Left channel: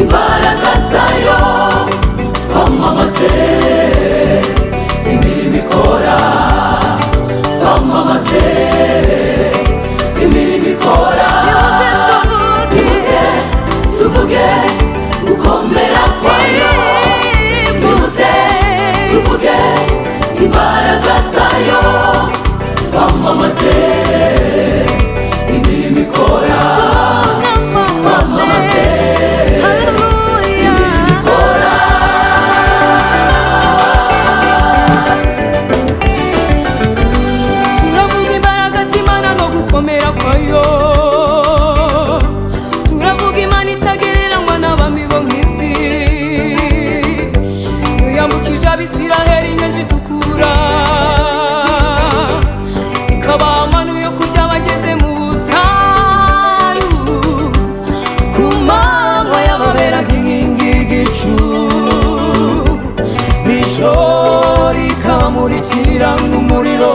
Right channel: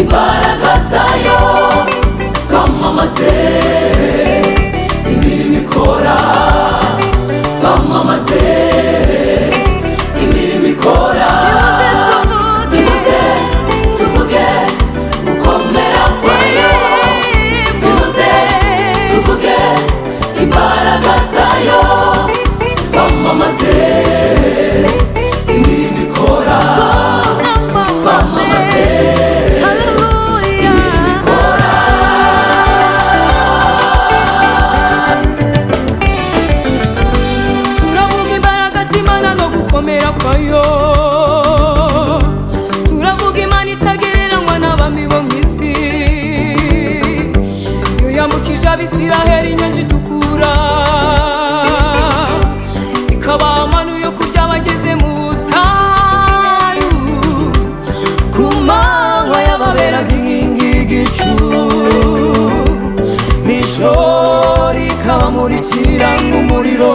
imbaraga zayo twamamaze imirimo ikora, twamamaze imirimo ikora. Nimuze tuvuge gukomera kwayo, nimuze tuvuge imbaraga zayo, twamamaze imirimo ikora, twamamaze gukomera kwayo. Turavuga Imana itagereranywa n'abami bo mw'isi, iyo yambukije Abisiraheli inyanja itukura, ikabaha manu yo kurya bageze mu butayu, ku manywa yababeraga inkingi y'igicu, nijoro ikabamurikira nk'umuriro.